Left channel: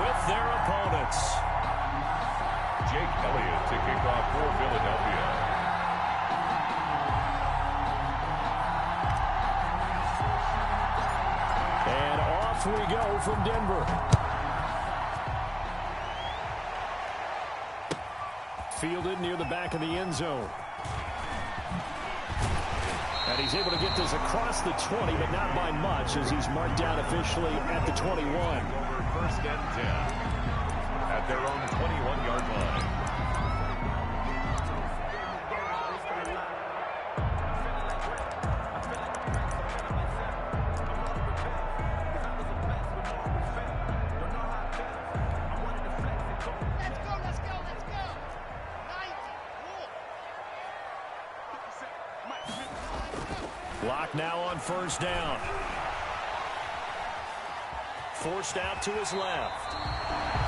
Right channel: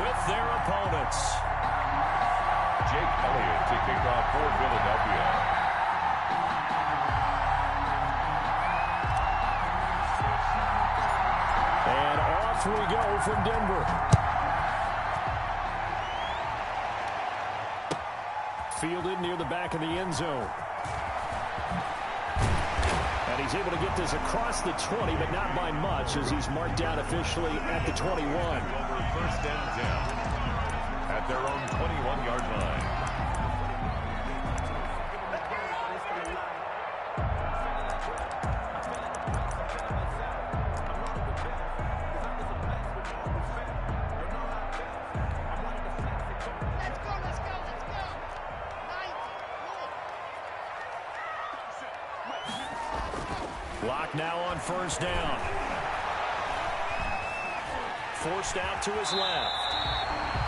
with their opponents. Jake Elliott to kick off for Philadelphia. And off we go from Denver. Fielded near the back of the end zone. And he's able to get this across the 20, but not by much, as he's marked down officially at the 21. Over first and 10 at their own 21-yard line. Lock now on first down. Forced out to his left.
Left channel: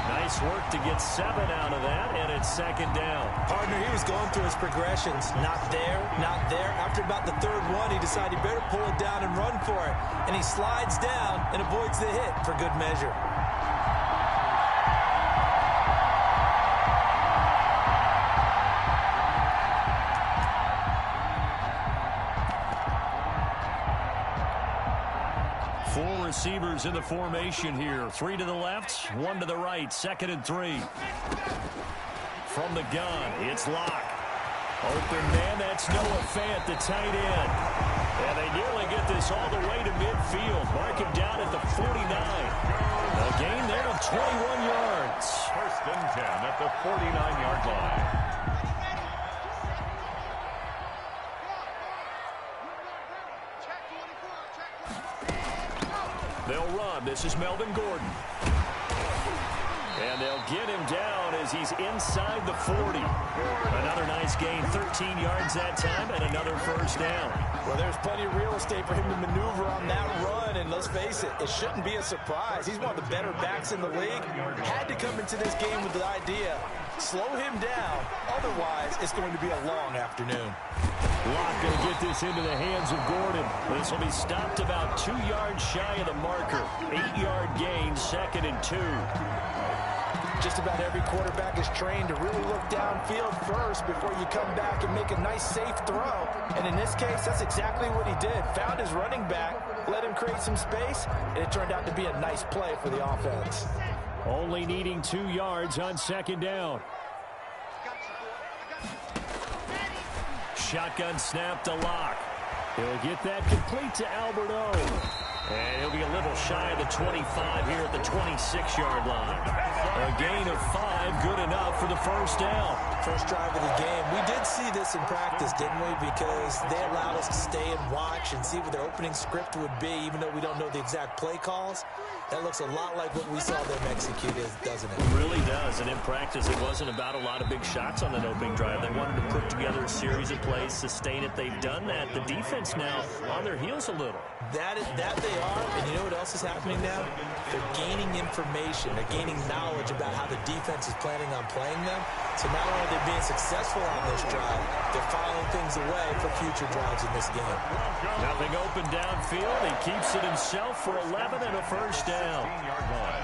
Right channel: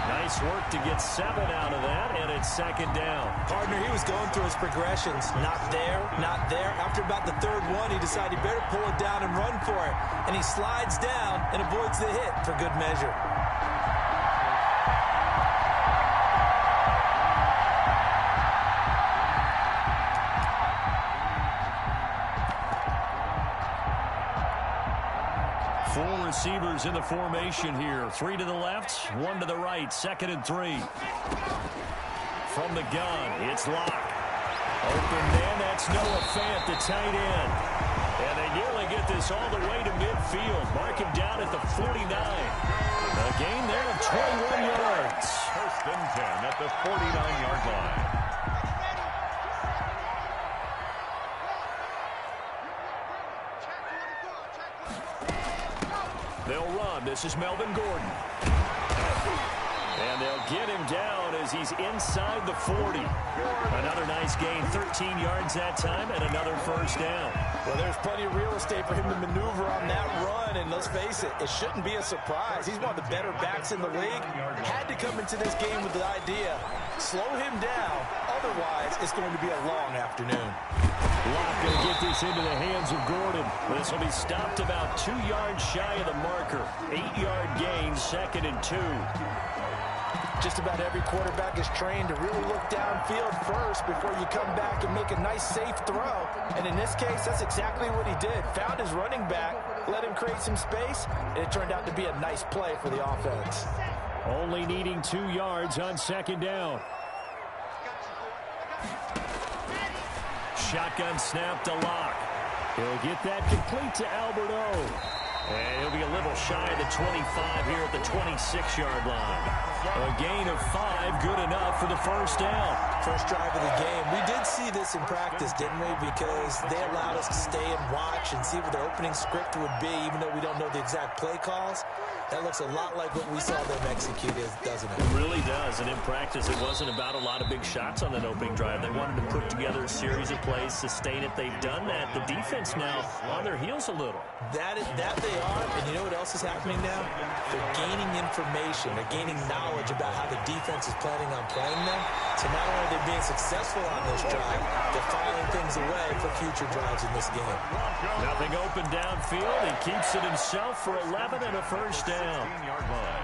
Nice work to get 7 out of that, and it's second down. Partner, he was going through his progressions. Not there, not there. After about the third one, he decided he better pull it down and run for it. And he slides down and avoids the hit for good measure. Four receivers in the formation here. 3 to the left, 1 to the right. 2nd and 3. From the gun, it's Locke. Open man, that's Noah Fant, the tight end. And they nearly get this all the way to midfield. Mark him down at the 49. A gain there of 21 yards. First and 10 at the 49-yard line. They'll run. This is Melvin Gordon. And they'll get him down as he's inside the 40. Another nice gain, 13 yards that time, and another first down. Well, there's plenty of real estate for him to maneuver on that run, and let's face it, it shouldn't be a surprise. He's one of the better backs in the league. Had to come into this game with the idea, slow him down, otherwise it's going to be a long afternoon. Locke going to get this into the hands of Gordon. This will be stopped about 2 yards shy of the marker. 8-yard gain, 2nd and 2. Just about every quarterback is trained to really look downfield first before you come back and make a nice, safe throw. And in this case, that's exactly what he did. Found his running back, let him create some space, and it turned out to be a nice play for the offense. Only needing 2 yards on 2nd down. Shotgun snap to Locke. He'll get that complete to Alberto. And he'll be a little shy of the 25 here at the 26-yard line. A gain of 5, good enough for the first down. First drive of the game. We did see this in practice, didn't we? Because they allowed us to stay and watch and see what their opening script would be, even though we don't know the exact play calls. That looks a lot like what we saw them execute, doesn't it? It really does. And in practice, it wasn't about a lot of big shots on that opening drive. They wanted to put together a series of plays, sustain it. They've done that. The defense now on their heels a little. That they are, and you know what else is happening now? They're gaining information. They're gaining knowledge about how the defense is planning on playing them. So not only are they being successful on this drive, they're filing things away for future drives in this game. Nothing open downfield. He keeps it himself for 11 and a first down. 16-yard line.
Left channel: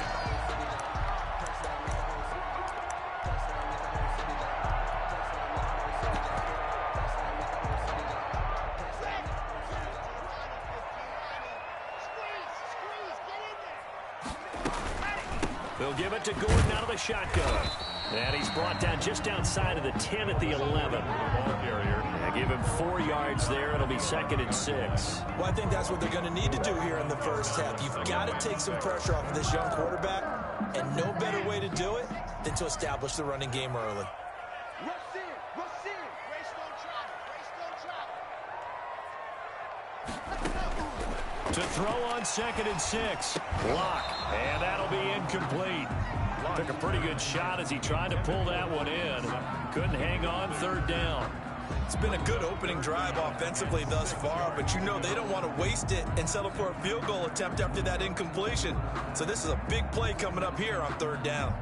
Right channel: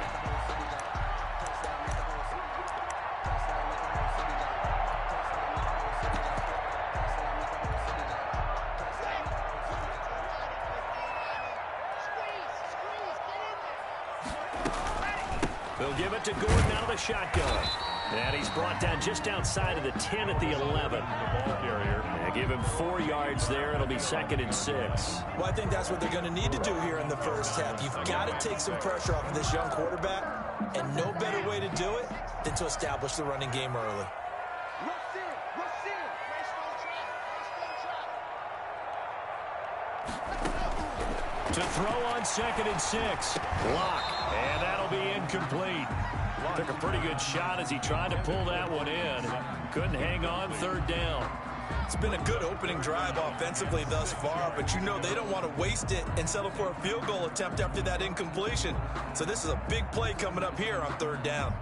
They'll give it to Gordon out of the shotgun. And he's brought down just outside of the 10 at the 11. The ball carrier. Yeah, give him 4 yards there. It'll be 2nd and 6. Well, I think that's what they're going to need to do here in the first half. You've got to take some pressure off of this young quarterback, and no better way to do it than to establish the running game early. To throw on 2nd and 6. Locke. And that'll be incomplete. Took a pretty good shot as he tried to pull that one in. Couldn't hang on 3rd down. It's been a good opening drive offensively thus far, but you know they don't want to waste it and settle for a field goal attempt after that incompletion. So this is a big play coming up here on 3rd down.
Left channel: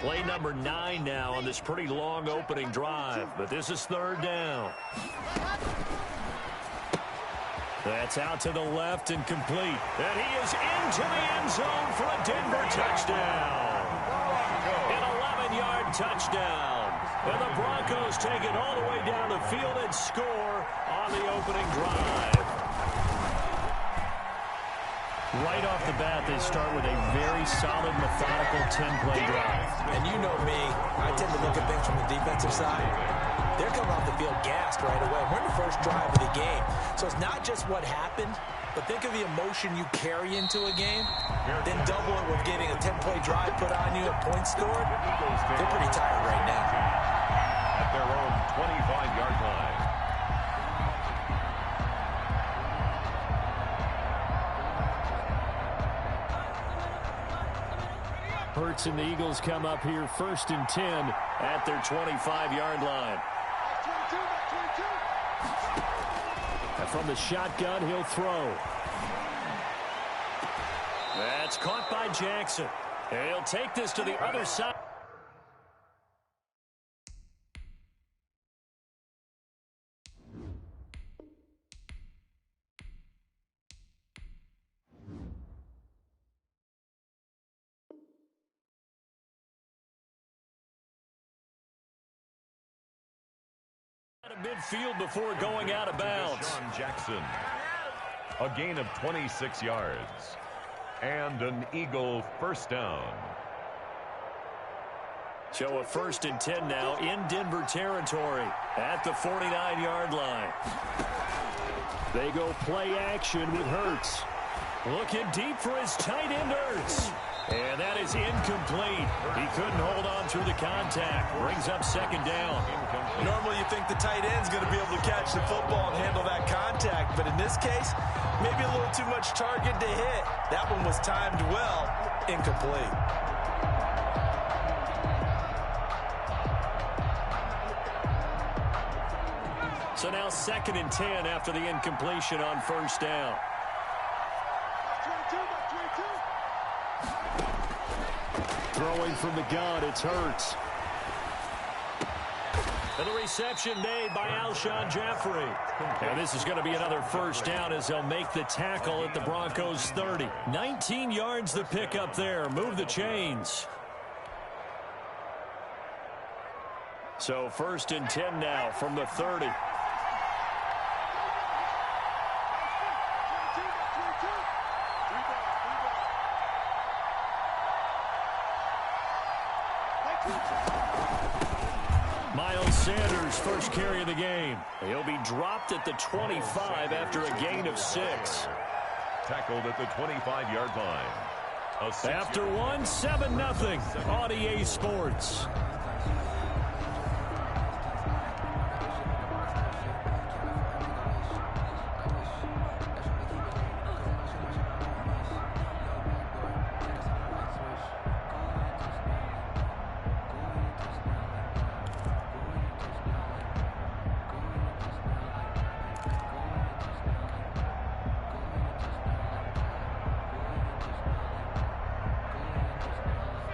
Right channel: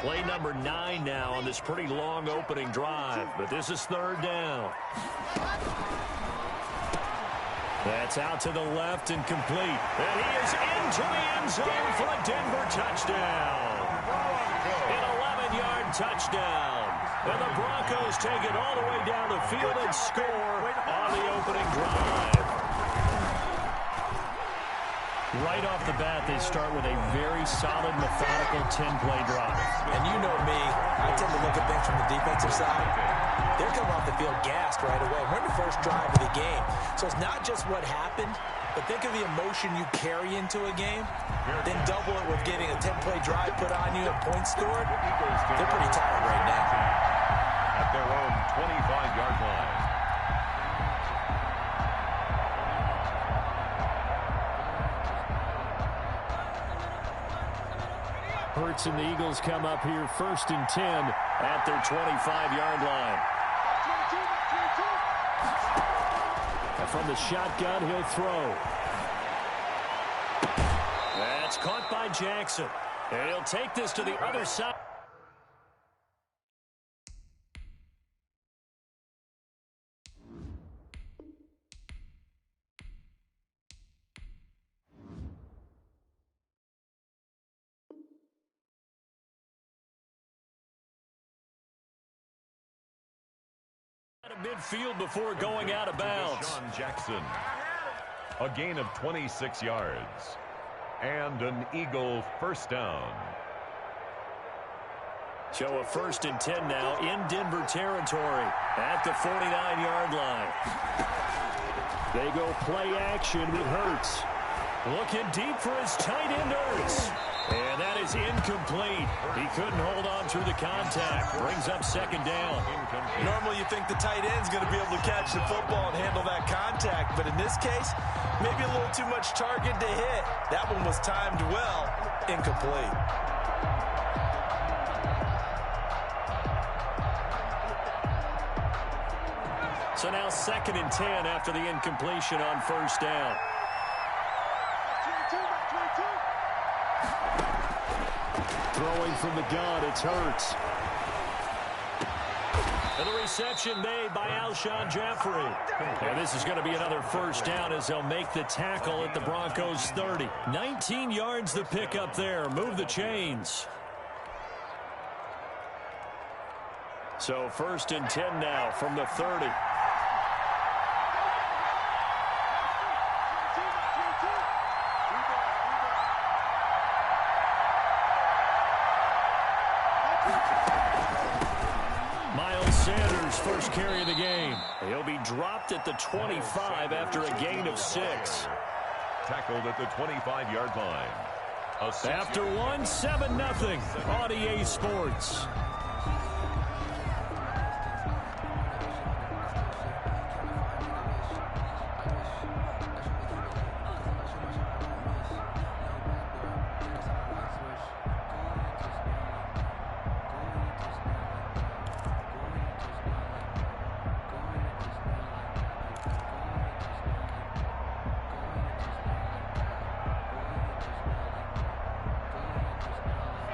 Play number 9 now on this pretty long opening drive, but this is 3rd down. That's out to the left and complete. And he is into the end zone for a Denver touchdown. An 11-yard touchdown. And the Broncos take it all the way down the field and score on the opening drive. Right off the bat, they start with a very solid, methodical 10-play drive. And you know me, I tend to look at things from the defensive side. They're coming off the field gassed right away. We're in the first drive of the game. So it's not just what happened, but think of the emotion you carry into a game, then double it with getting a 10-play drive put on you and points scored. They're pretty tired right now. At their own 25-yard line. Hurts and the Eagles come up here 1st and 10 at their 25-yard line. And from the shotgun, he'll throw. That's caught by Jackson. And he'll take this to the other side. Midfield before going out of bounds. Sean Jackson. A gain of 26 yards. And an Eagle first down. So a 1st and 10 now in Denver territory at the 49-yard line. They go play action with Hurts. Looking deep for his tight end, Hurts. And that is incomplete. He couldn't hold on through the contact. Brings up 2nd down. Normally you think the tight end's going to be able to catch the football and handle that contact. But in this case, maybe a little too much target to hit. That one was timed well. Incomplete. So now 2nd and 10 after the incompletion on 1st down. Throwing from the gun, it's Hurts. And the reception made by Alshon Jeffrey. And this is going to be another 1st down as they'll make the tackle at the Broncos 30. 19 yards the pick up there. Move the chains. So 1st and 10 now from the 30. Miles Sanders, first carry of the game. He'll be dropped at the 25 after a gain of 6. Tackled at the 25-yard line. After one, 7-0 on EA Sports.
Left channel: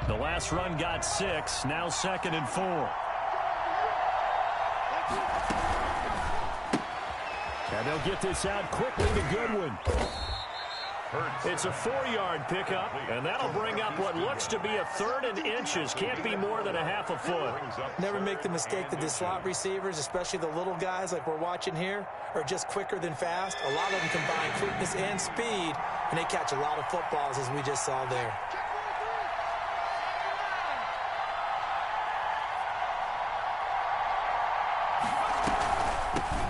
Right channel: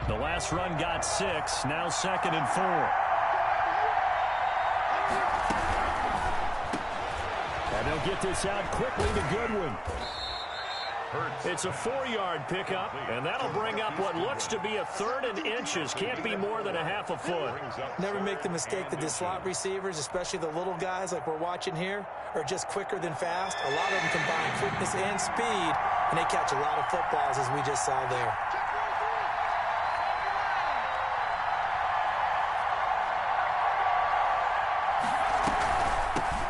The last run got 6, now 2nd and 4. And they'll get this out quickly to Goodwin. It's a 4-yard pickup, and that'll bring up what looks to be a 3rd and inches. Can't be more than a half a foot. Never make the mistake that the slot receivers, especially the little guys like we're watching here, are just quicker than fast. A lot of them combine quickness and speed, and they catch a lot of footballs, as we just saw there.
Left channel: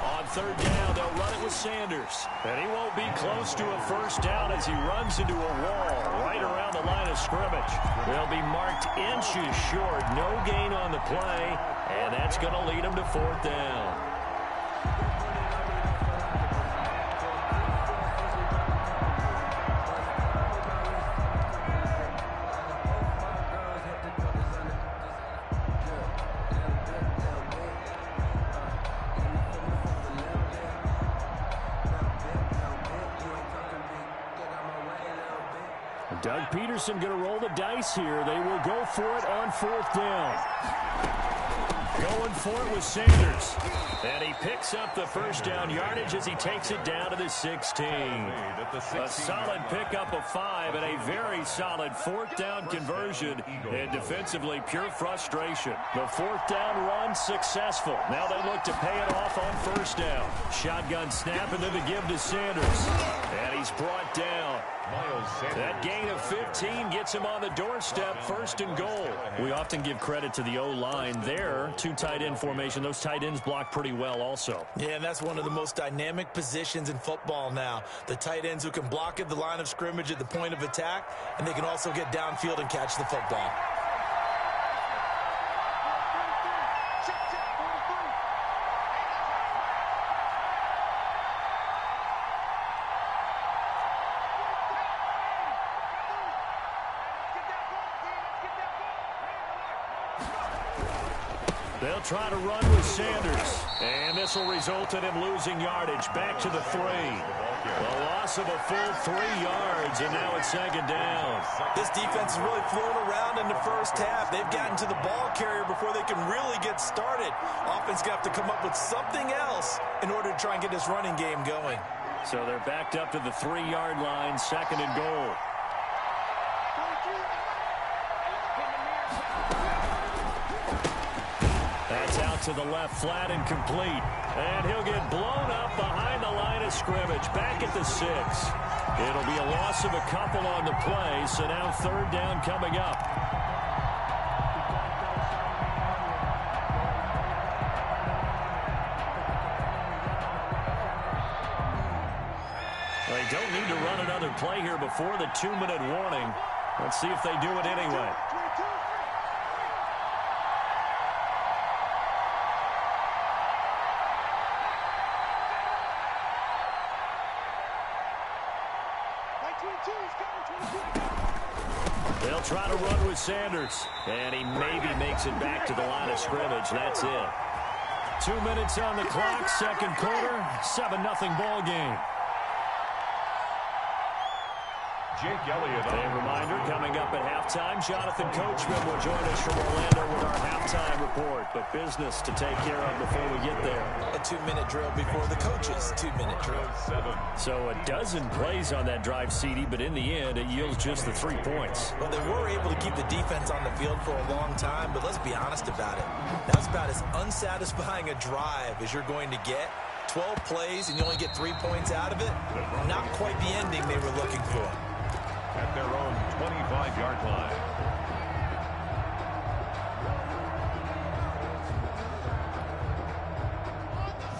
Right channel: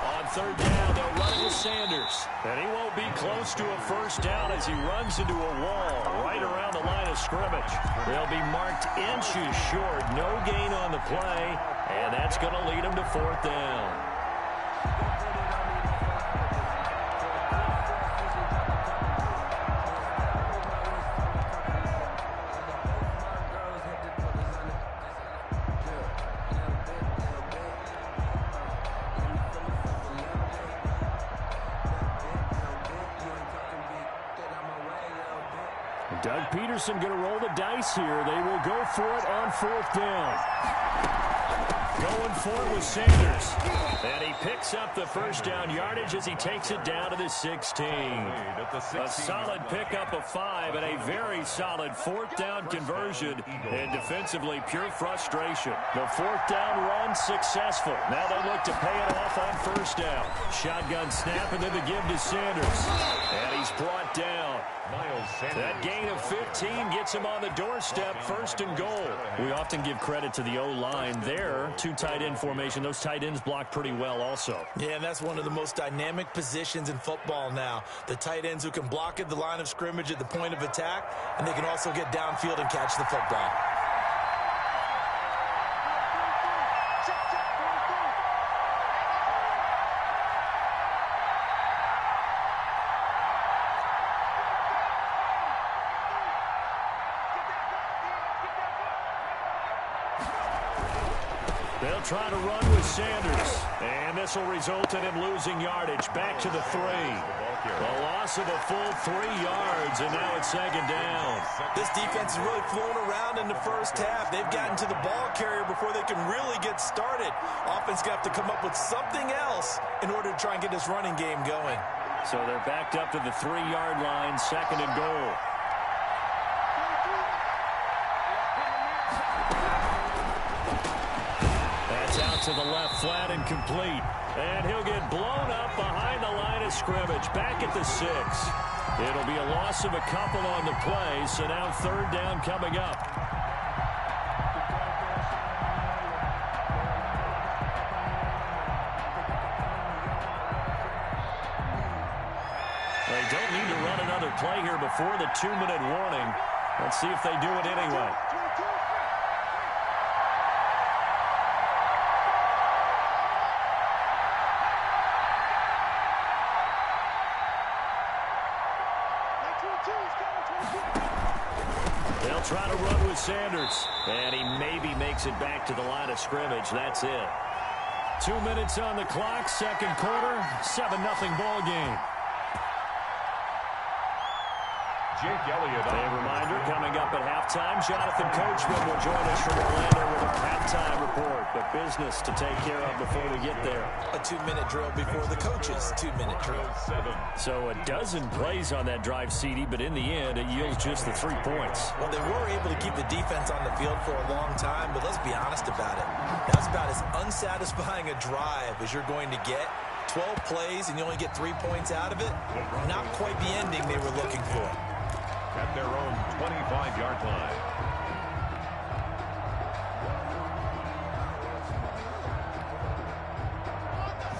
On 3rd down, they'll run it with Sanders. And he won't be close to a 1st down as he runs into a wall right around the line of scrimmage. They'll be marked inches short. No gain on the play, and that's going to lead them to 4th down. Doug Peterson going to roll the dice here. They will go for it on 4th down. Going for it with Sanders. And he picks up the first down yardage as he takes it down to the 16. A solid pickup of 5 and a very solid fourth down conversion. And defensively, pure frustration. The fourth down run successful. Now they look to pay it off on first down. Shotgun snap and then the give to Sanders. And he's brought down. That gain of 15 gets him on the doorstep, first and goal. We often give credit to the O-line there. Two tight end formation. Those tight ends block pretty well also. Yeah, and that's one of the most dynamic positions in football now. The tight ends who can block at the line of scrimmage at the point of attack, and they can also get downfield and catch the football. They'll try to run with Sanders. And this will result in him losing yardage. Back to the 3. A loss of a full 3 yards, and now it's second down. This defense is really flown around in the first half. They've gotten to the ball carrier before they can really get started. Offense got to come up with something else in order to try and get this running game going. So they're backed up to the 3-yard line, second and goal. That's out to the left, flat and complete. And he'll get blown up behind the line of scrimmage, back at the 6. It'll be a loss of a couple on the play, so now third down coming up. They don't need to run another play here before the 2-minute warning. Let's see if they do it anyway. They'll try to run with Sanders. And he maybe makes it back to the line of scrimmage. That's it. 2 minutes on the clock, second quarter, 7-0 ball game. Jake Elliott. A reminder, coming up at halftime, Jonathan Coachman will join us from Orlando with our halftime report. But business to take care of before we get there. A 2-minute drill before the coach's 2-minute drill. So a dozen plays on that drive, CD, but in the end, it yields just the 3 points. Well, they were able to keep the defense on the field for a long time, but let's be honest about it. That was about as unsatisfying a drive as you're going to get. 12 plays and you only get 3 points out of it. Not quite the ending they were looking for. At their own 25-yard line.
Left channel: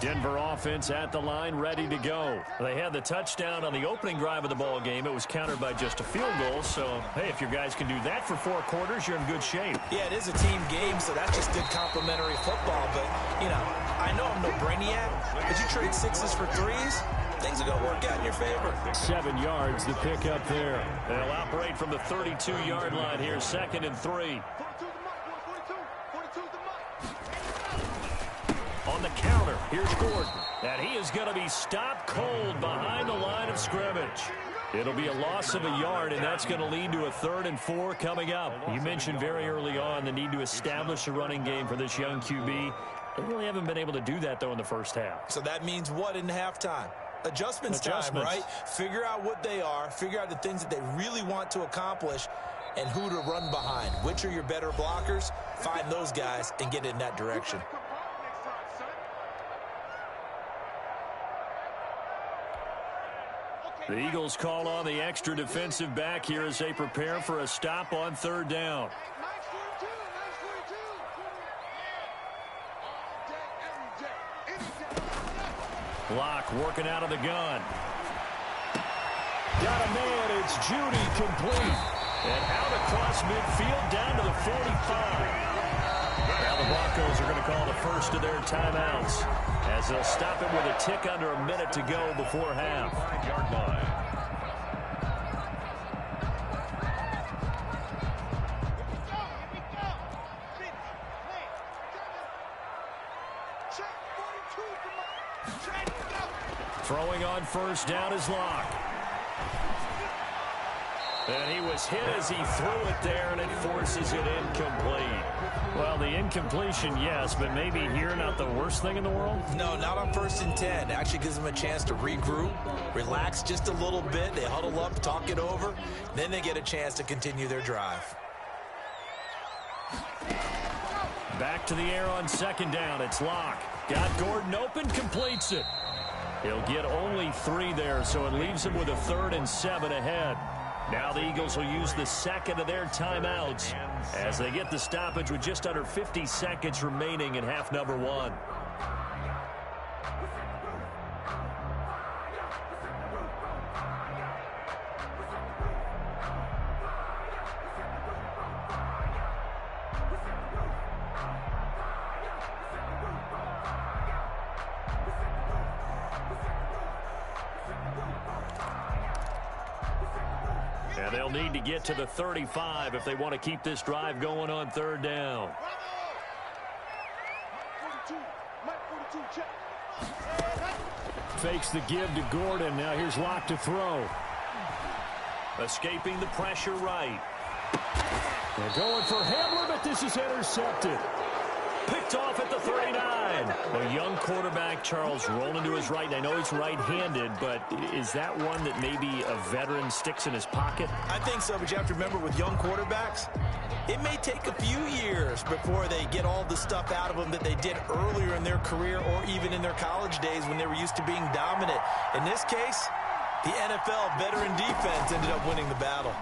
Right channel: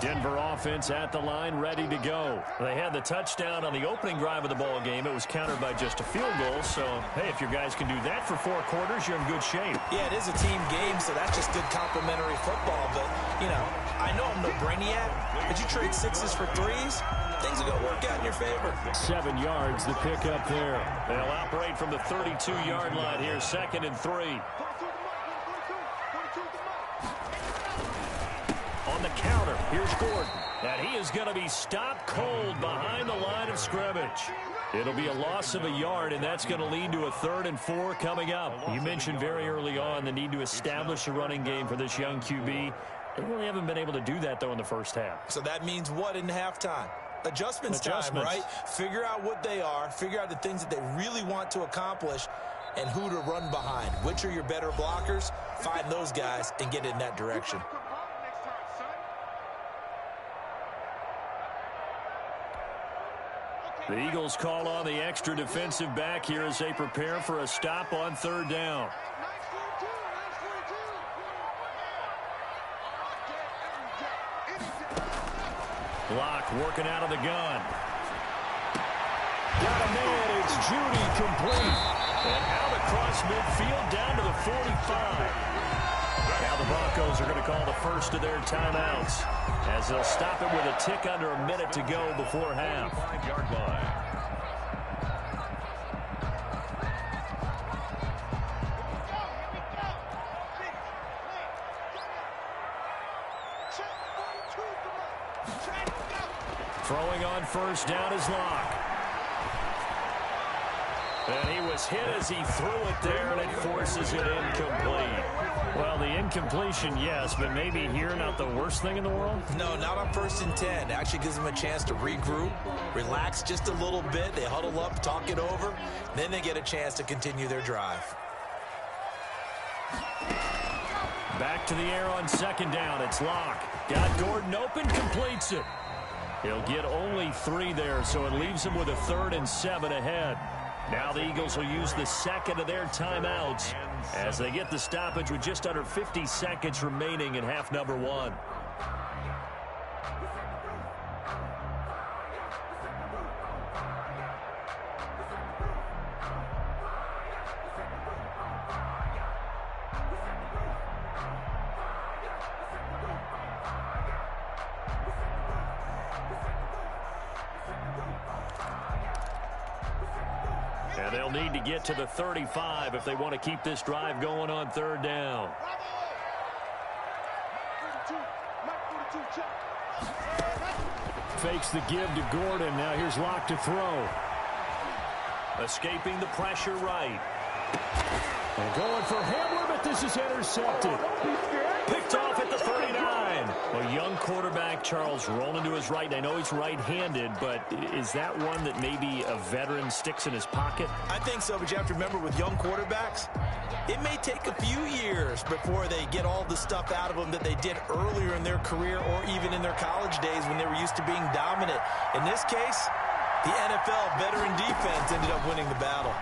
Denver offense at the line, ready to go. They had the touchdown on the opening drive of the ball game. It was countered by just a field goal. So, hey, if your guys can do that for 4 quarters, you're in good shape. Yeah, it is a team game, so that's just good complimentary football. But, you know, I know I'm no brainiac, but you trade 6s for 3s, things are going to work out in your favor. 7 yards, the pickup there. They'll operate from the 32-yard line here, second and 3. On the counter, here's Gordon. And he is going to be stopped cold behind the line of scrimmage. It'll be a loss of a yard, and that's going to lead to a 3rd and 4 coming up. You mentioned very early on the need to establish a running game for this young QB. They really haven't been able to do that, though, in the first half. So that means what in halftime? Adjustments time, right? Figure out what they are, figure out the things that they really want to accomplish, and who to run behind. Which are your better blockers? Find those guys and get in that direction. The Eagles call on the extra defensive back here as they prepare for a stop on 3rd down. Block working out of the gun. Got a man, it's Judy complete. And out across midfield down to the 45. Now the Broncos are going to call the first of their timeouts as they'll stop it with a tick under a minute to go before half. 5-yard line. Throwing on first down is Locke. And he was hit as he threw it there, and it forces it incomplete. Well, the incompletion, yes, but maybe here not the worst thing in the world? No, not on 1st and 10. It actually gives them a chance to regroup, relax just a little bit. They huddle up, talk it over. Then they get a chance to continue their drive. Back to the air on 2nd down. It's Locke. Got Gordon open, completes it. He'll get only 3 there, so it leaves him with a 3rd and 7 ahead. Now the Eagles will use the 2nd of their timeouts as they get the stoppage with just under 50 seconds remaining in half number 1. And they'll need to get to the 35 if they want to keep this drive going on 3rd down. Fakes the give to Gordon. Now here's Locke to throw. Escaping the pressure right. And going for Hamler, but this is intercepted. Picked off at the 39. A young quarterback, Charles, rolling to his right. I know he's right-handed, but is that one that maybe a veteran sticks in his pocket? I think so, but you have to remember with young quarterbacks, it may take a few years before they get all the stuff out of them that they did earlier in their career or even in their college days when they were used to being dominant. In this case, the NFL veteran defense ended up winning the battle.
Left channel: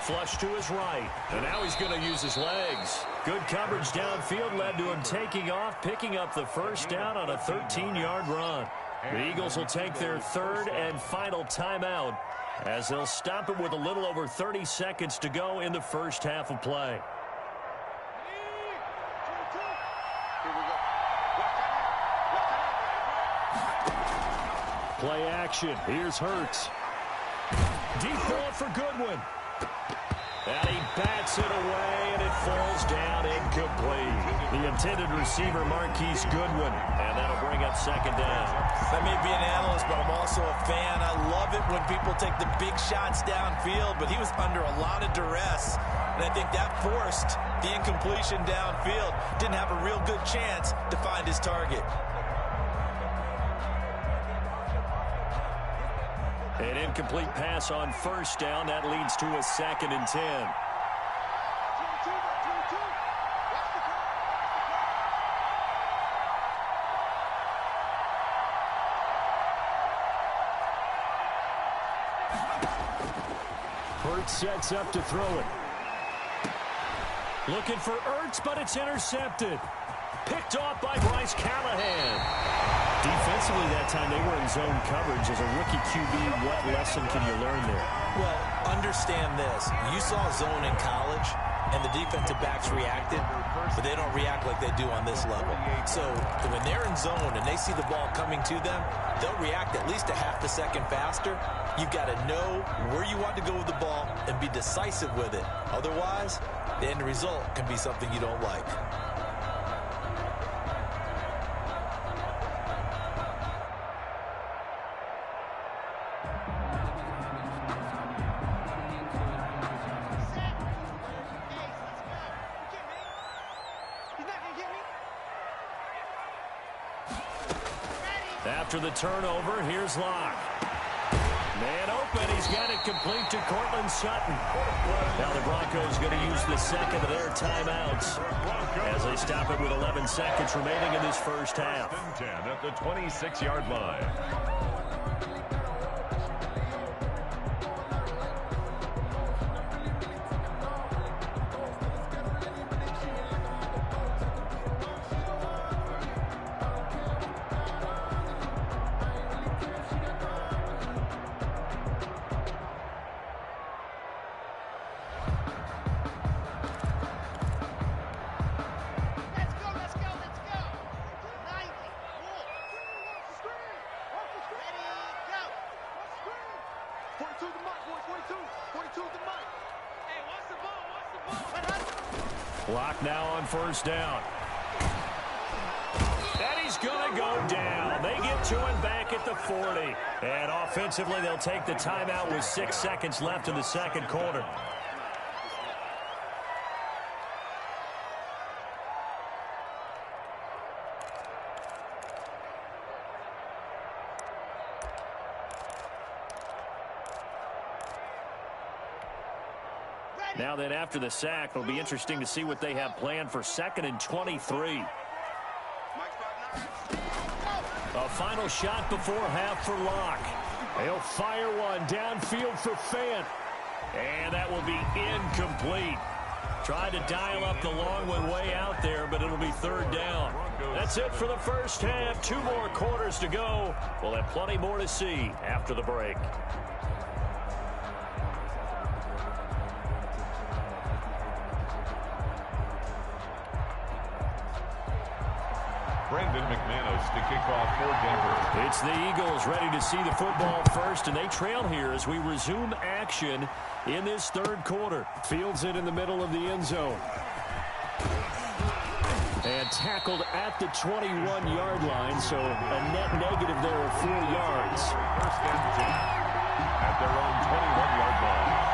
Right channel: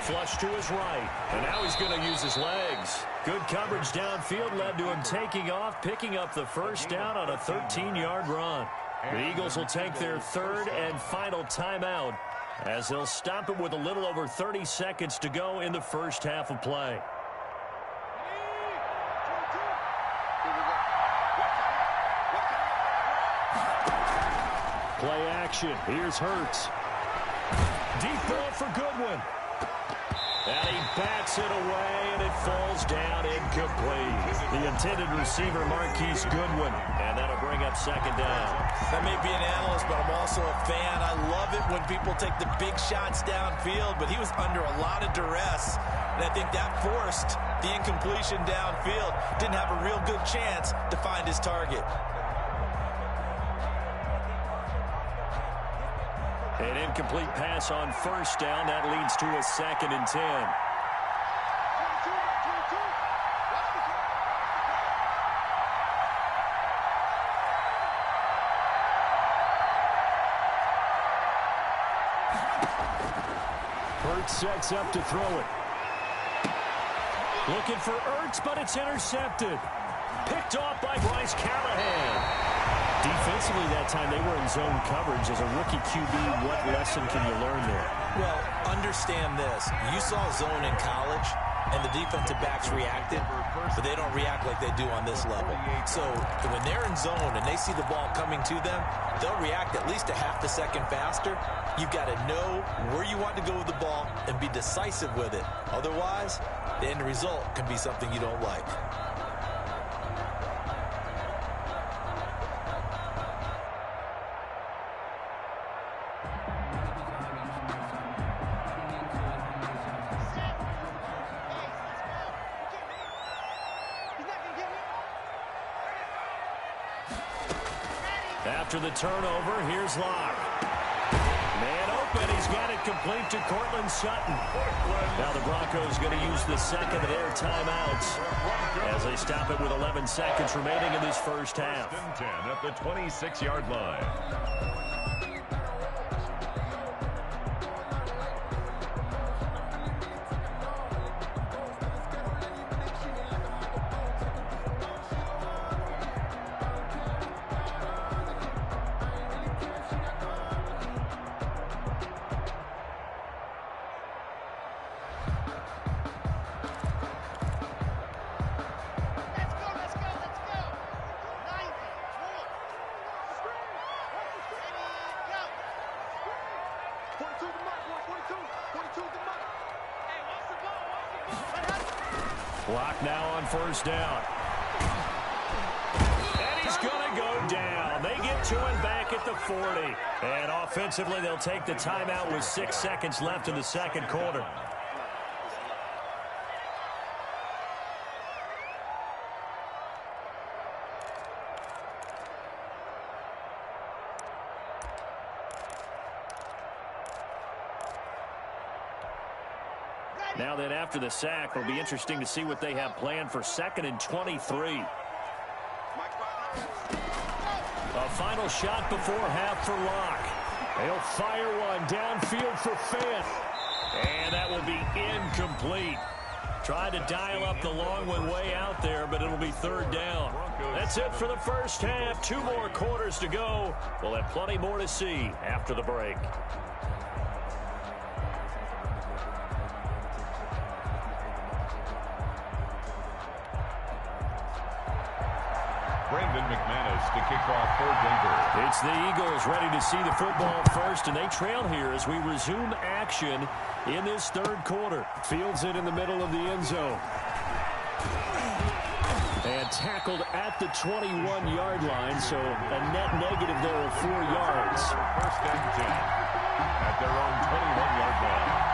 Flush to his right, and now he's going to use his legs. Good coverage downfield led to him taking off, picking up the 1st down on a 13-yard run. The Eagles will take their 3rd and final timeout as they'll stop it with a little over 30 seconds to go in the 1st half of play. Play action. Here's Hurts. Deep ball for Goodwin. And he bats it away, and it falls down incomplete. The intended receiver, Marquise Goodwin, and that'll bring up 2nd down. I may be an analyst, but I'm also a fan. I love it when people take the big shots downfield, but he was under a lot of duress, and I think that forced the incompletion downfield. Didn't have a real good chance to find his target. An incomplete pass on 1st down. That leads to a 2nd and 10. Hurts sets up to throw it. Looking for Ertz, but it's intercepted. Picked off by Bryce Callahan. Defensively that time, they were in zone coverage. As a rookie QB, what lesson can you learn there? Well, understand this. You saw zone in college, and the defensive backs reacted, but they don't react like they do on this level. So when they're in zone and they see the ball coming to them, they'll react at least a half a second faster. You've got to know where you want to go with the ball and be decisive with it. Otherwise, the end result can be something you don't like. After the turnover, here's Locke. Man open, he's got it complete to Cortland Sutton. Now the Broncos going to use the 2nd of their timeouts as they stop it with 11 seconds remaining in this 1st half. 10 at the 26-yard line. Clock now on 1st down. And he's going to go down. They get to him back at at the 40. And offensively, they'll take the timeout with 6 seconds left in the second quarter. Now then, after the sack, it'll be interesting to see what they have planned for 2nd and 23. A final shot before half for Locke. He'll fire one downfield for Fant. And that will be incomplete. Tried to dial up the long one way out there, but it'll be 3rd down. That's it for the first half. 2 more quarters to go. We'll have plenty more to see after the break. Brandon McManus to kick off for Denver. It's the Eagles ready to see the football first, and they trail here as we resume action in this 3rd quarter. Fields it in the middle of the end zone. And tackled at the 21-yard line, so a net negative there of 4 yards. 1st and 10 at their own 21-yard line.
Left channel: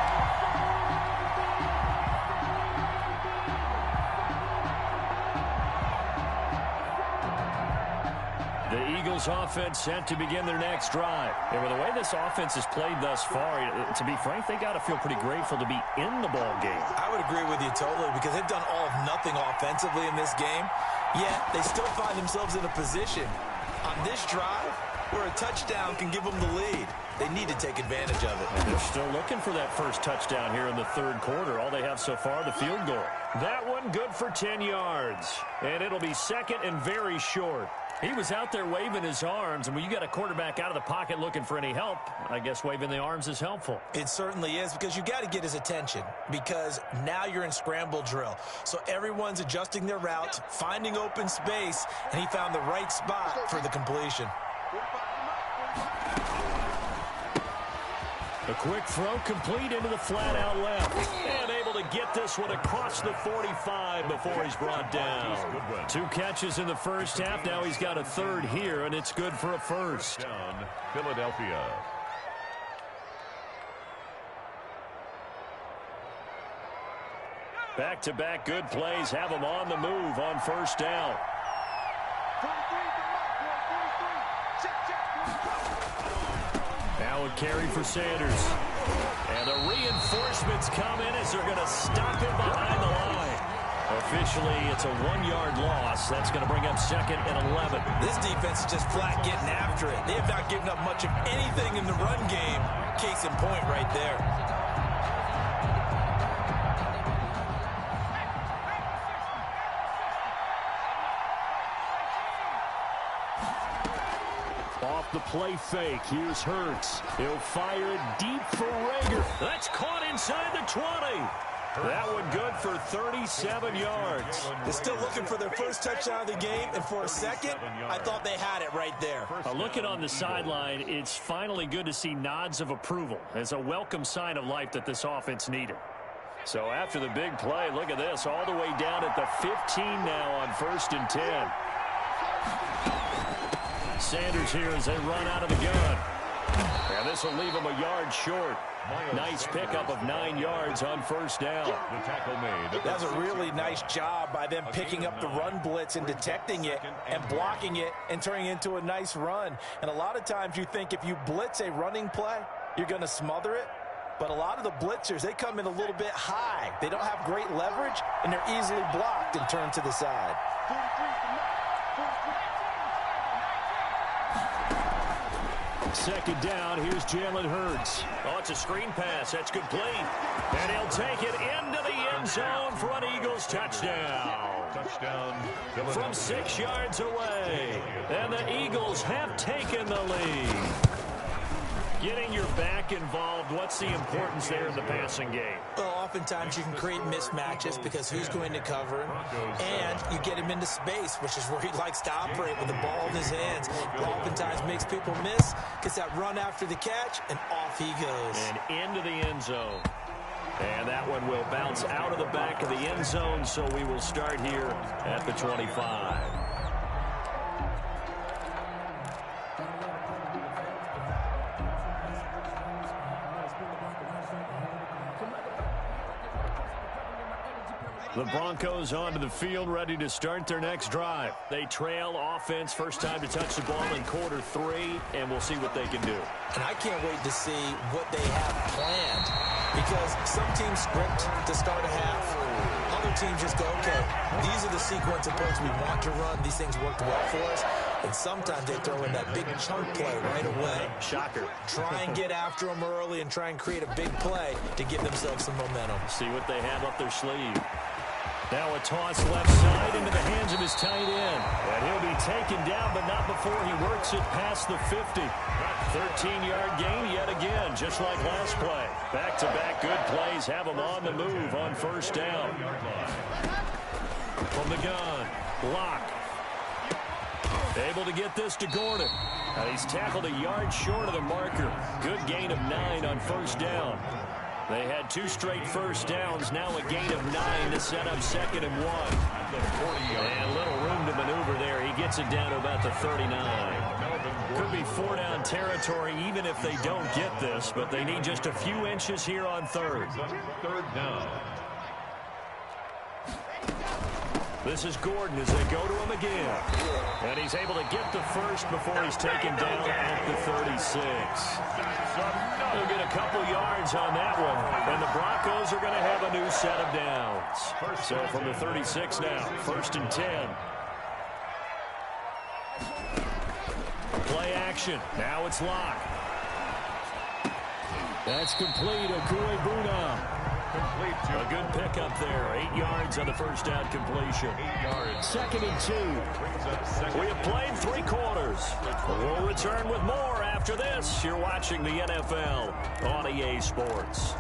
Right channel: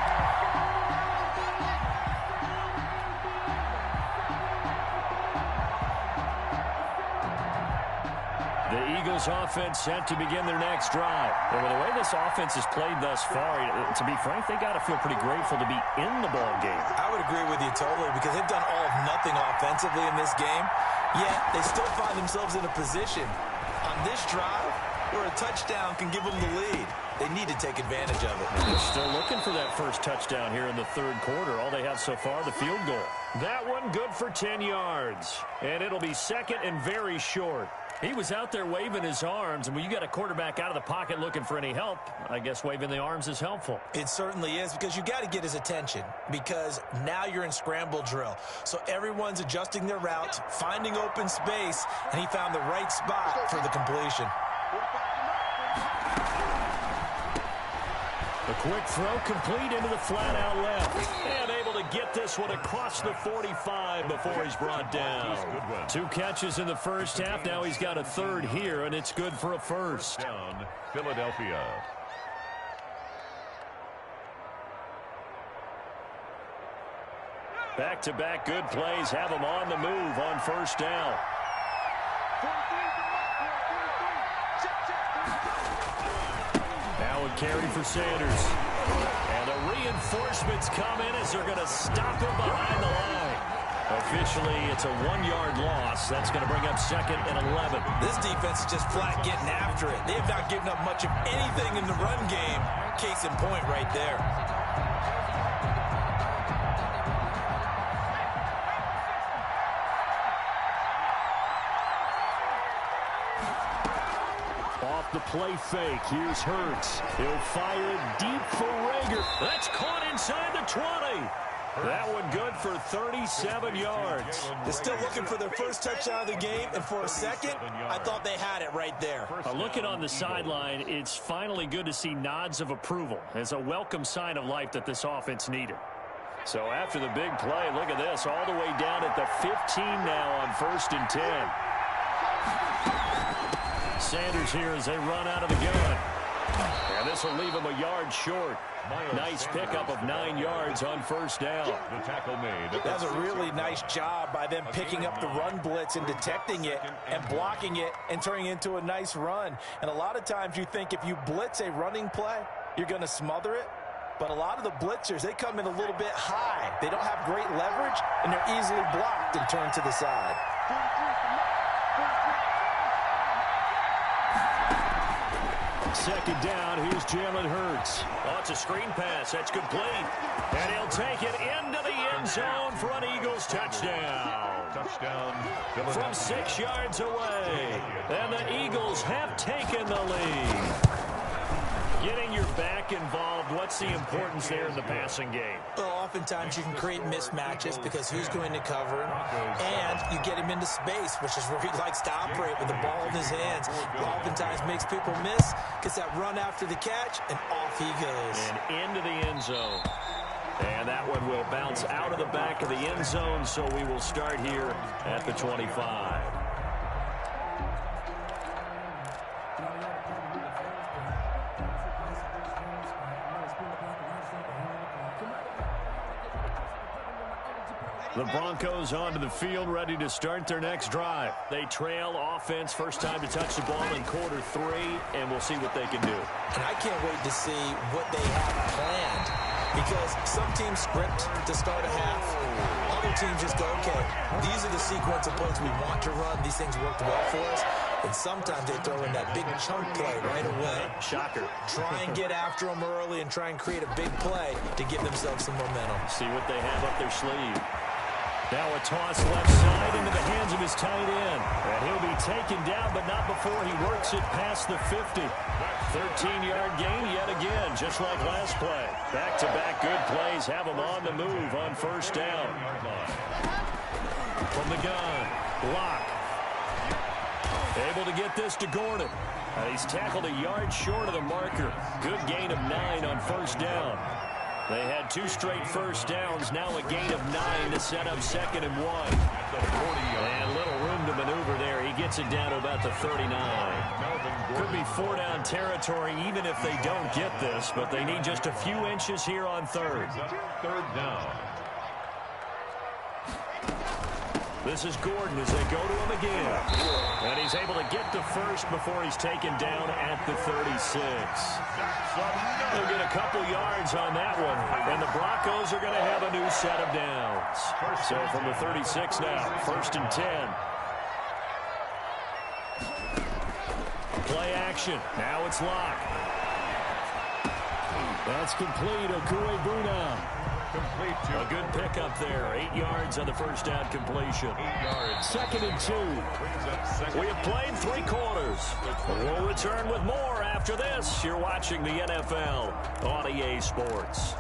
The Eagles offense set to begin their next drive. And with the way this offense has played thus far, to be frank, they got to feel pretty grateful to be in the ball game. I would agree with you totally because they've done all of nothing offensively in this game, yet they still find themselves in a position on this drive where a touchdown can give them the lead. They need to take advantage of it. And they're still looking for that first touchdown here in the 3rd quarter. All they have so far, the field goal. That one good for 10 yards. And it'll be 2nd and very short. He was out there waving his arms, and when you got a quarterback out of the pocket looking for any help, I guess waving the arms is helpful. It certainly is, because you got to get his attention, because now you're in scramble drill. So everyone's adjusting their routes, finding open space, and he found the right spot for the completion. A quick throw complete into the flat out left. And able to get this one across the 45 before he's brought down. 2 catches in the first half. Now he's got a 3rd here, and it's good for a 1st. Down, Philadelphia. Back-to-back good plays have him on the move on 1st down. Now a carry for Sanders. And the reinforcements come in as they're going to stop him behind the line. Officially, it's a 1-yard loss. That's going to bring up 2nd and 11. This defense is just flat getting after it. They have not given up much of anything in the run game. Case in point right there. Off the play fake, here's Hurts. He'll fire it deep for Rager. That's caught inside the 20. That one good for 37 yards. They're still looking for their first touchdown of the game, and for a second, I thought they had it right there. Looking on the sideline, it's finally good to see nods of approval. It's a welcome sign of life that this offense needed. So after the big play, look at this, all the way down at the 15 now on 1st and 10. Sanders here as they run out of the gun. And this will leave him a yard short. Nice pickup of 9 yards on 1st down. The tackle made. That was a really nice job by them picking up the run blitz and detecting it and blocking it and turning it into a nice run. And a lot of times you think if you blitz a running play, you're going to smother it. But a lot of the blitzers, they come in a little bit high. They don't have great leverage, and they're easily blocked and turned to the side. 2nd down, here's Jalen Hurts. Oh, it's a screen pass. That's complete. And he'll take it into the end zone for an Eagles touchdown. Touchdown. From 6 yards away. And the Eagles have taken the lead. Getting your back involved, what's the importance there in the passing game? Well, oftentimes you can create mismatches because who's going to cover him, and you get him into space, which is where he likes to operate with the ball in his hands. Oftentimes makes people miss, gets that run after the catch, and off he goes. And into the end zone. And that one will bounce out of the back of the end zone, so we will start here at the 25. The Broncos onto the field, ready to start their next drive. They trail offense, first time to touch the ball in quarter 3, and we'll see what they can do. And I can't wait to see what they have planned, because some teams script to start a half. Other teams just go, okay, these are the sequence of plays we want to run. These things worked well for us. And sometimes they throw in that big chunk play right away. Shocker. Try and get after them early and try and create a big play to give themselves some momentum. See what they have up their sleeve. Now a toss left side into the hands of his tight end. And he'll be taken down, but not before he works it past the 50. 13-yard gain yet again, just like last play. Back-to-back good plays have him on the move on first down. From the gun, block. Able to get this to Gordon. He's tackled a yard short of the marker. Good gain of 9 on first down. They had 2 straight first downs, now a gain of 9 to set up 2nd and 1. And little room to maneuver there. He gets it down to about the 39. Could be 4-down territory even if they don't get this, but they need just a few inches here on 3rd. 3rd down. This is Gordon as they go to him again. And he's able to get the first before he's taken down at the 36. They'll get a couple yards on that one. And the Broncos are going to have a new set of downs. So from the 36 now, 1st and 10. Play action. Now it's Locke. That's complete. Okuebuna. Complete to a good pickup there. 8 yards on the first down completion. 8 yards. 2nd and 2. We have played 3 quarters. We'll return with more after this. You're watching the NFL on EA Sports.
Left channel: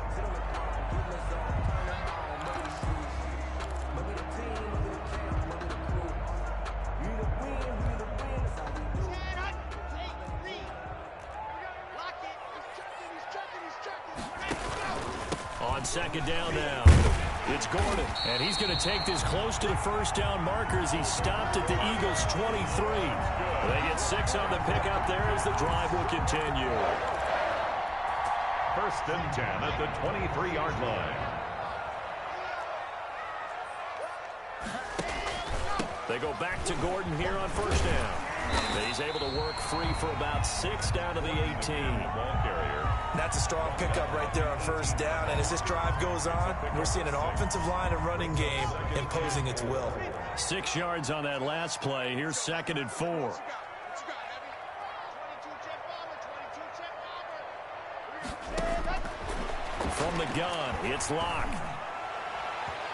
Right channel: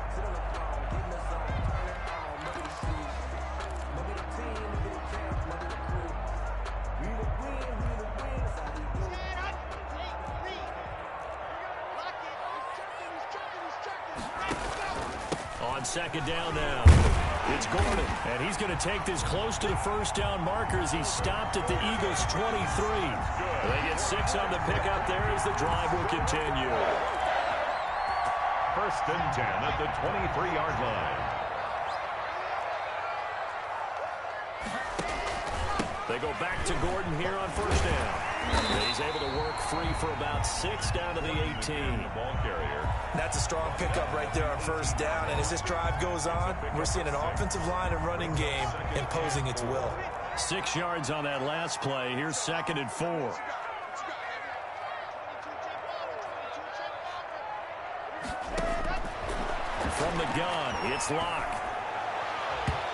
On 2nd down now, it's Gordon, and he's going to take this close to the first down marker as he stopped at the Eagles' 23. They get 6 on the pickup there as the drive will continue. 1st and 10 at the 23-yard line. They go back to Gordon here on first down. He's able to work free for about 6 down to the 18. Ball carrier. That's a strong pickup right there on first down. And as this drive goes on, we're seeing an offensive line and running game imposing its will. 6 yards on that last play. Here's 2nd and 4. From the gun, it's Locke.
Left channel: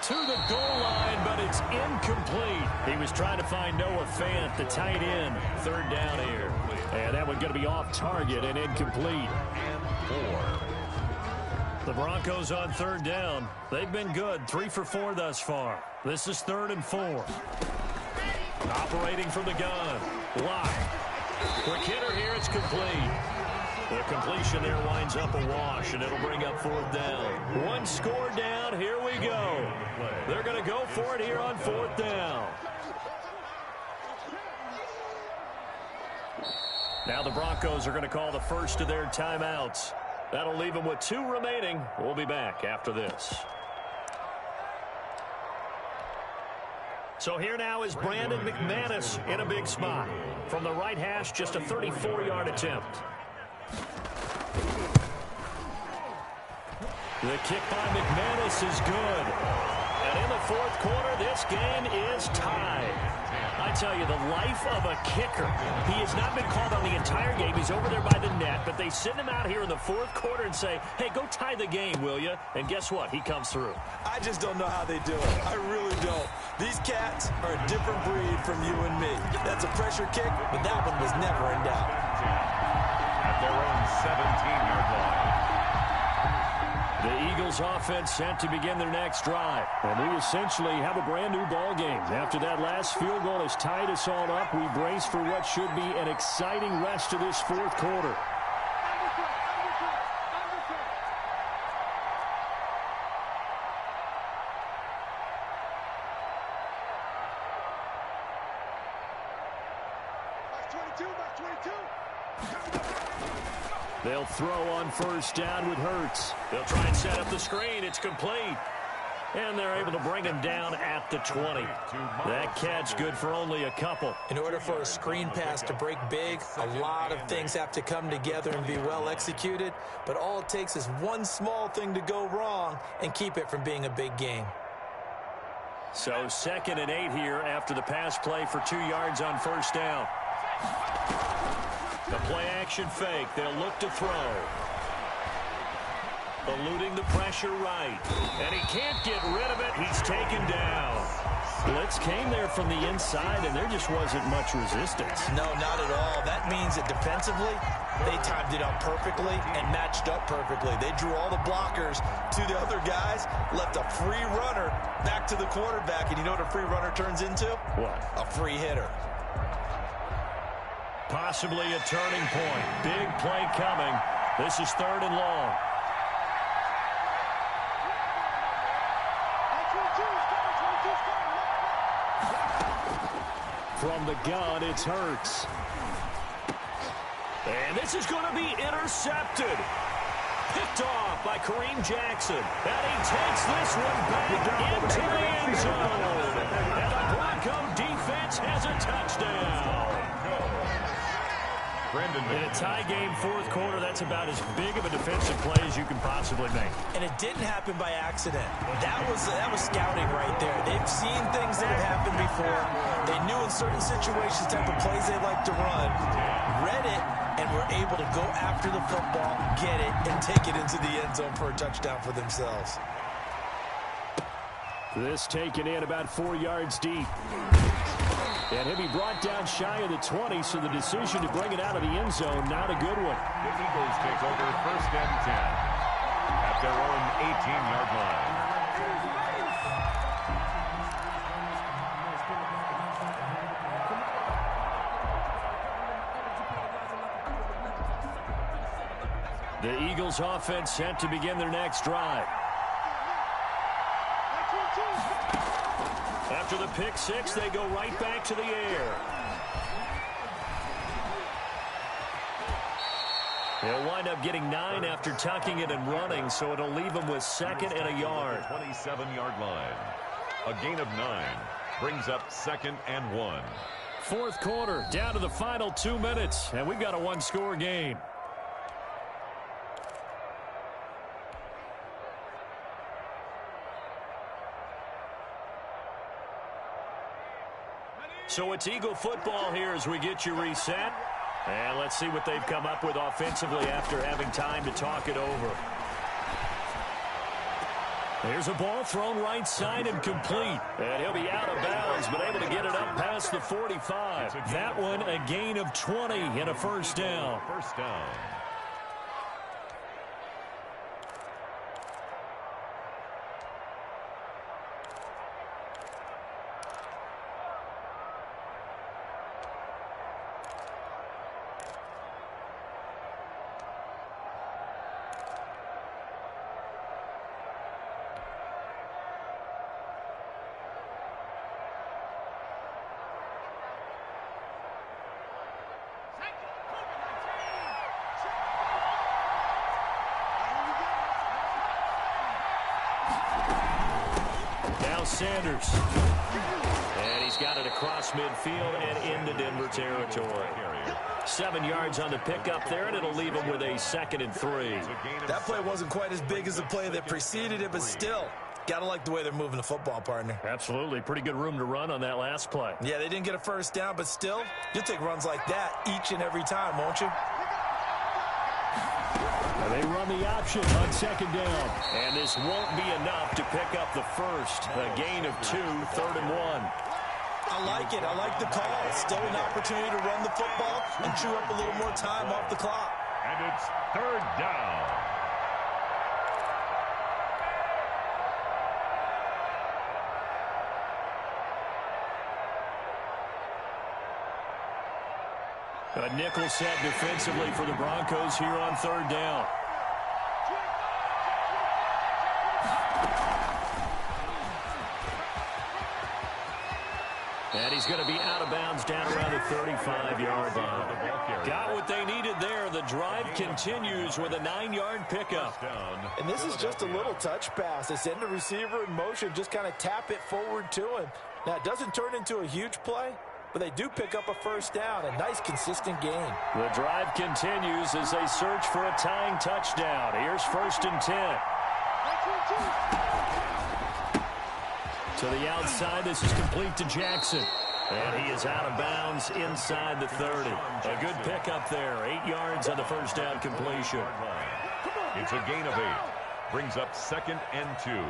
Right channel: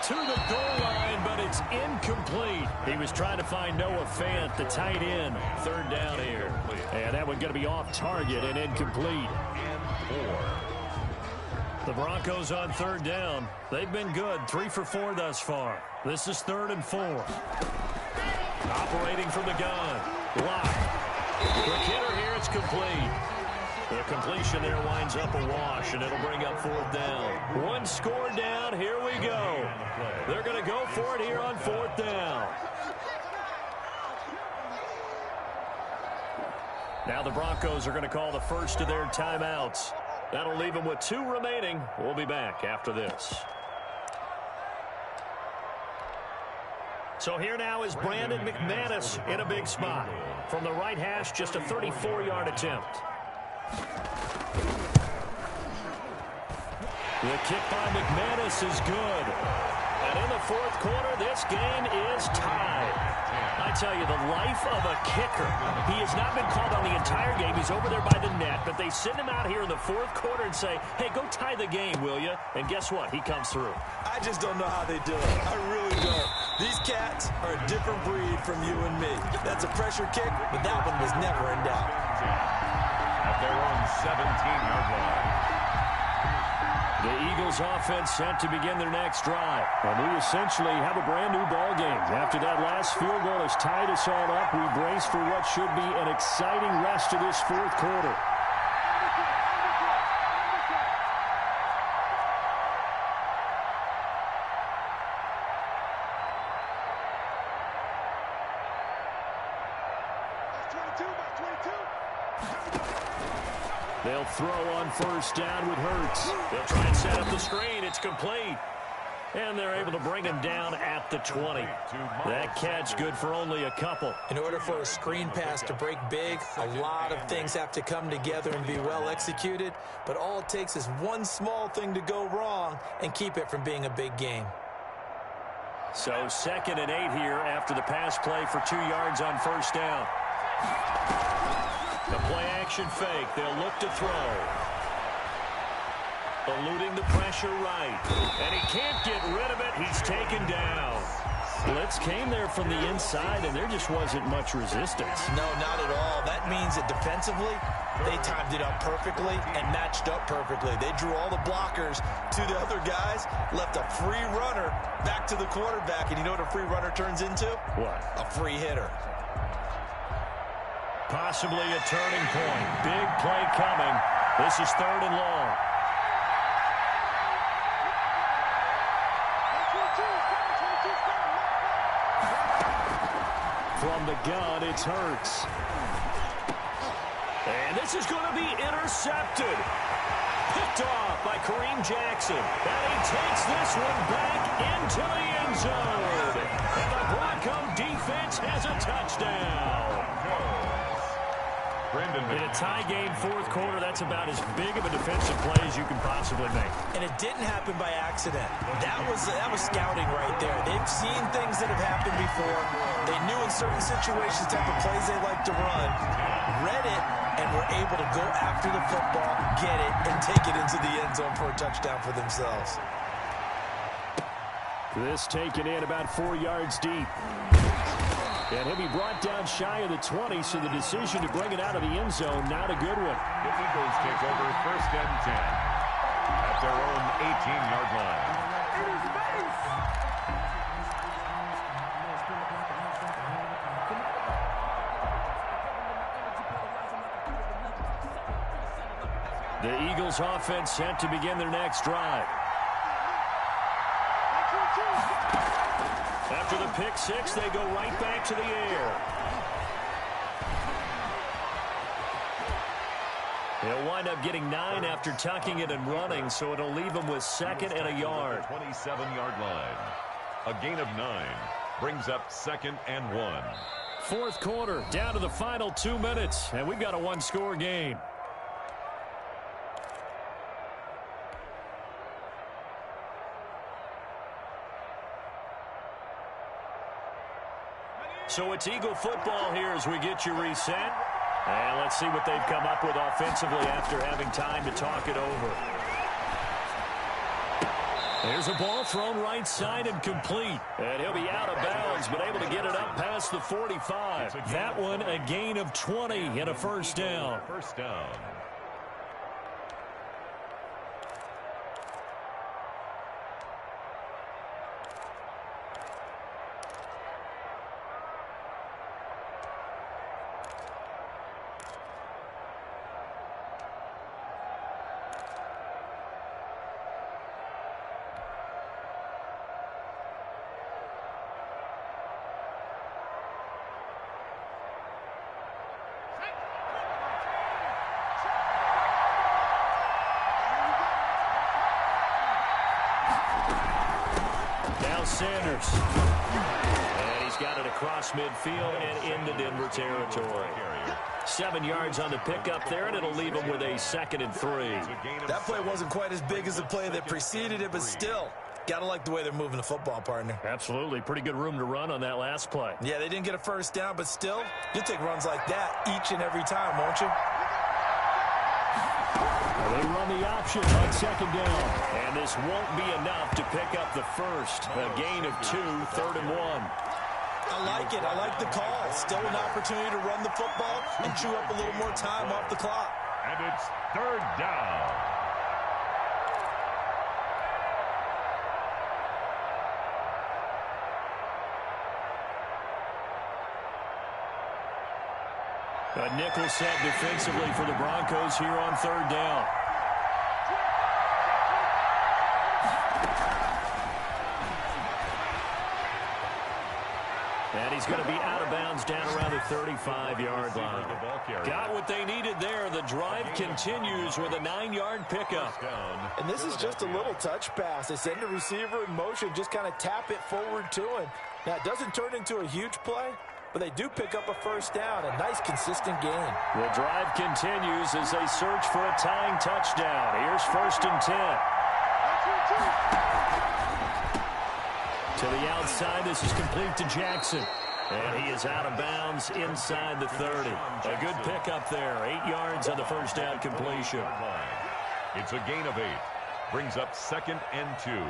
To the goal line, but it's incomplete. He was trying to find Noah Fant, the tight end. 3rd down here. And that one going to be off target and incomplete. And 4. The Broncos on 3rd down. They've been good. 3 for 4 thus far. This is 3rd and 4. Operating from the gun. Locke. Quick hitter here. It's complete. The completion there winds up a wash, and it'll bring up 4th down. 1 score down. Here we go. They're going to go for it here on 4th down. Now the Broncos are going to call the first of their timeouts. That'll leave them with 2 remaining. We'll be back after this. So here now is Brandon McManus in a big spot. From the right hash, just a 34-yard attempt. The kick by McManus is good. And in the 4th quarter, this game is tied. I tell you, the life of a kicker. He has not been called on the entire game. He's over there by the net, but they send him out here in the 4th quarter and say, hey, go tie the game, will you? And guess what? He comes through. I just don't know how they do it. I really don't. These cats are a different breed from you and me. That's a pressure kick, but that one was never in doubt. At their own 17-yard line. The Eagles offense set to begin their next drive. And we essentially have a brand new ball game. After that last field goal has tied us all up, we brace for what should be an exciting rest of this 4th quarter. Back 22. They'll throw on first down with Hurts. They'll try and set up the screen. It's complete. And they're able to bring him down at the 20. That catch good for only a couple. In order for a screen pass to break big, a lot of things have to come together and be well executed. But all it takes is one small thing to go wrong and keep it from being a big game. So 2nd and 8 here after the pass play for 2 yards on first down. The play action fake. They'll look to throw. Eluding the pressure right. And he can't get rid of it. He's taken down. Blitz came there from the inside, and there just wasn't much resistance. No, not at all. That means that defensively, they timed it up perfectly and matched up perfectly. They drew all the blockers to the other guys, left a free runner back to the quarterback. And you know what a free runner turns into? What? A free hitter. Possibly a turning point. Big play coming. This is 3rd and long. From the gun, it's Hurts. And this is going to be intercepted. Picked off by Kareem Jackson. And he takes this one back into the end zone. And the Bronco defense has a touchdown. In a tie game, 4th quarter, that's about as big of a defensive play as you can possibly make. And it didn't happen by accident. That was scouting right there. They've seen things that have happened before. They knew in certain situations type of plays they like to run, read it, and were able to go after the football, get it, and take it into the end zone for a touchdown for themselves. This taken in about 4 yards deep. And he'll be brought down shy of the 20, so the decision to bring it out of the end zone, not a good one. The Eagles take over 1st and 10 at their own 18-yard line. The Eagles offense set to begin their next drive. After the pick six, they go right back to the air. He'll wind up getting 9 after tucking it and running, so it'll leave him with 2nd and a yard. 27-yard line. A gain of 9 brings up 2nd and 1. 4th quarter, down to the final 2 minutes, and we've got a one-score game. So it's Eagle football here as we get you reset. And let's see what they've come up with offensively after having time to talk it over. There's a ball thrown right side and complete. And he'll be out of bounds, but able to get it up past the 45. That one a gain of 20 and a first down. First down. Sanders. And he's got it across midfield and into Denver territory. 7 yards on the pickup there, and it'll leave him with a 2nd and 3. That play wasn't quite as big as the play that preceded it, but still, got to like the way they're moving the football, partner. Absolutely. Pretty good room to run on that last play. Yeah, they didn't get a first down, but still, you'll take runs like that each and every time, won't you? They run the option on 2nd down. And this won't be enough to pick up the first. A gain of 2, 3rd and 1. I like it. I like the call. Still an opportunity to run the football and chew up a little more time off the clock. And it's 3rd down. A nickel set defensively for the Broncos here on 3rd down. And he's going to be out of bounds down around the 35-yard line. Got what they needed continues with a 9-yard pickup. And this is just a little touch pass. They send the receiver in motion, just kind of tap it forward to him. Now, it doesn't turn into a huge play, but they do pick up a first down. A nice, consistent gain. The drive continues as they search for a tying touchdown. Here's 1st and 10. To the outside, this is complete to Jackson. And he is out of bounds inside the 30. A good pickup there. 8 yards on the first down completion. It's a gain of 8. Brings up 2nd and 2.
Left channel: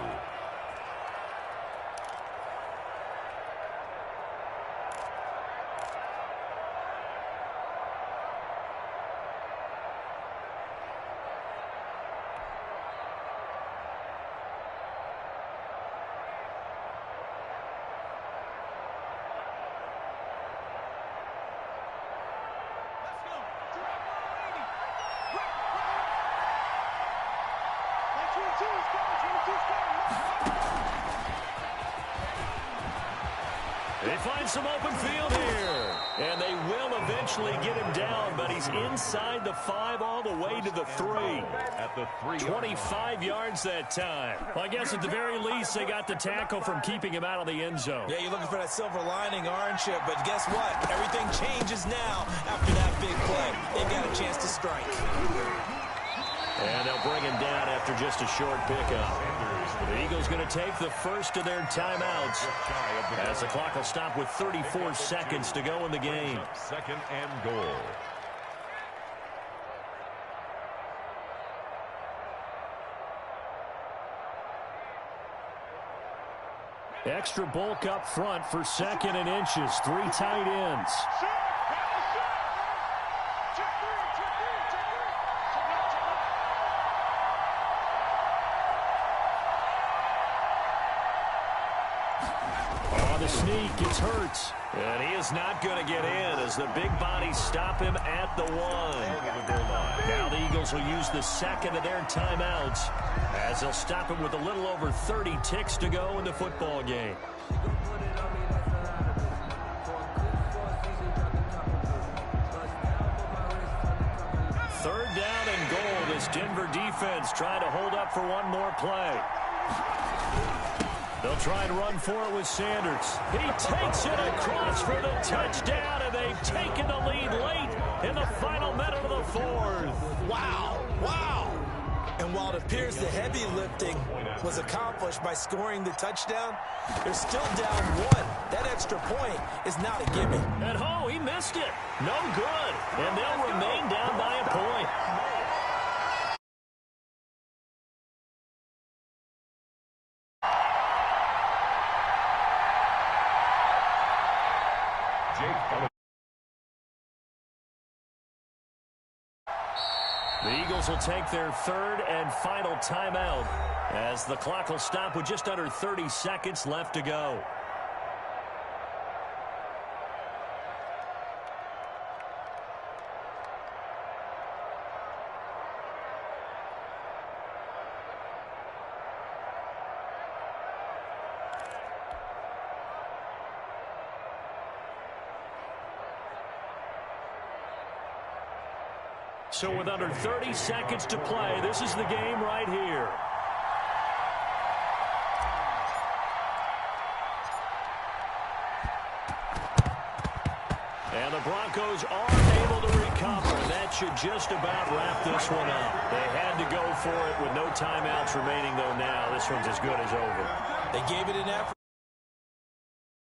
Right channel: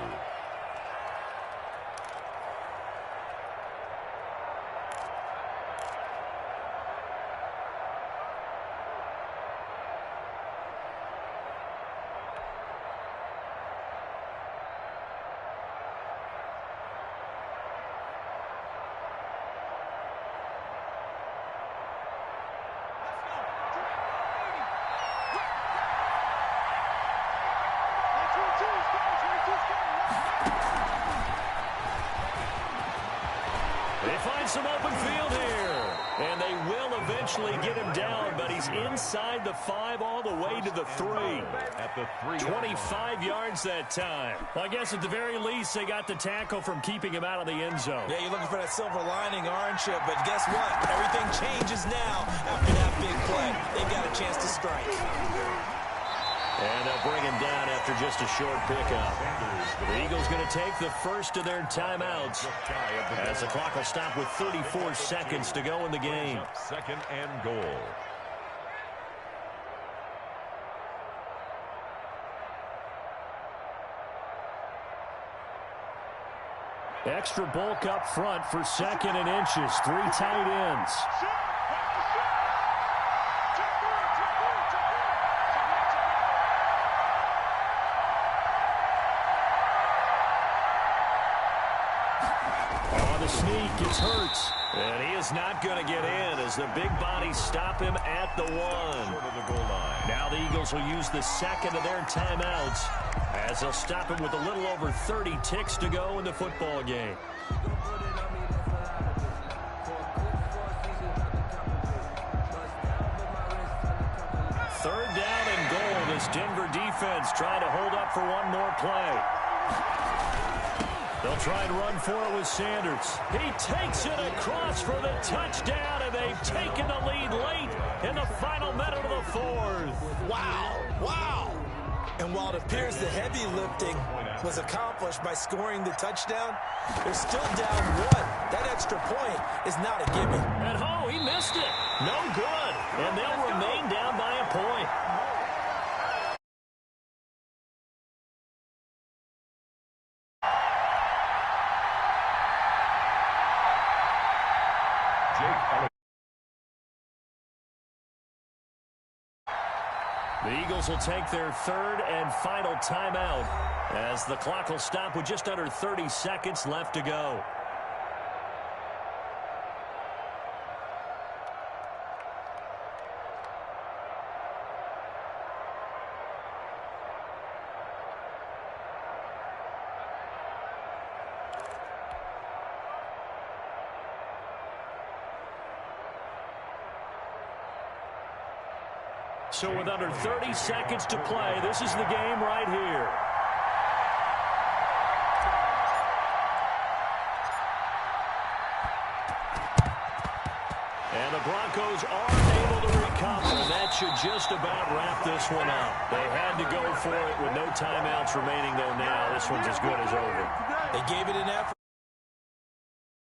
They find some open field here. And they will eventually get him down, but he's inside the 5 all the way to the 3. At the 3. 25 yards that time. Well, I guess at the very least, they got the tackle from keeping him out of the end zone. Yeah, you're looking for that silver lining, aren't you? But guess what? Everything changes now after that big play. They got a chance to strike. And they'll bring him down after just a short pickup. The Eagles going to take the first of their timeouts as the clock will stop with 34 seconds to go in the game. 2nd and goal. Extra bulk up front for 2nd and inches. 3 tight ends. The sneak gets Hurts, and he is not going to get in as the big bodies stop him at the 1. Now the Eagles will use the 2nd of their timeouts as they'll stop him with a little over 30 ticks to go in the football game. Third down and goal. This Denver defense trying to hold up for one more play. They'll try and run for it with Sanders. He takes it across for the touchdown, and they've taken the lead late in the final minute of the 4th. Wow, wow. And while it appears the heavy lifting was accomplished by scoring the touchdown, they're still down 1. That extra point is not a gimme. And he missed it. No good. And they'll remain down by a point. The Eagles will take their 3rd and final timeout as the clock will stop with just under 30 seconds left to go. So with under 30 seconds to play, this is the game right here. And the Broncos are able to recover, and that should just about wrap this one up. They had to go for it with no timeouts remaining, though now. This one's as good as over. They gave it an effort.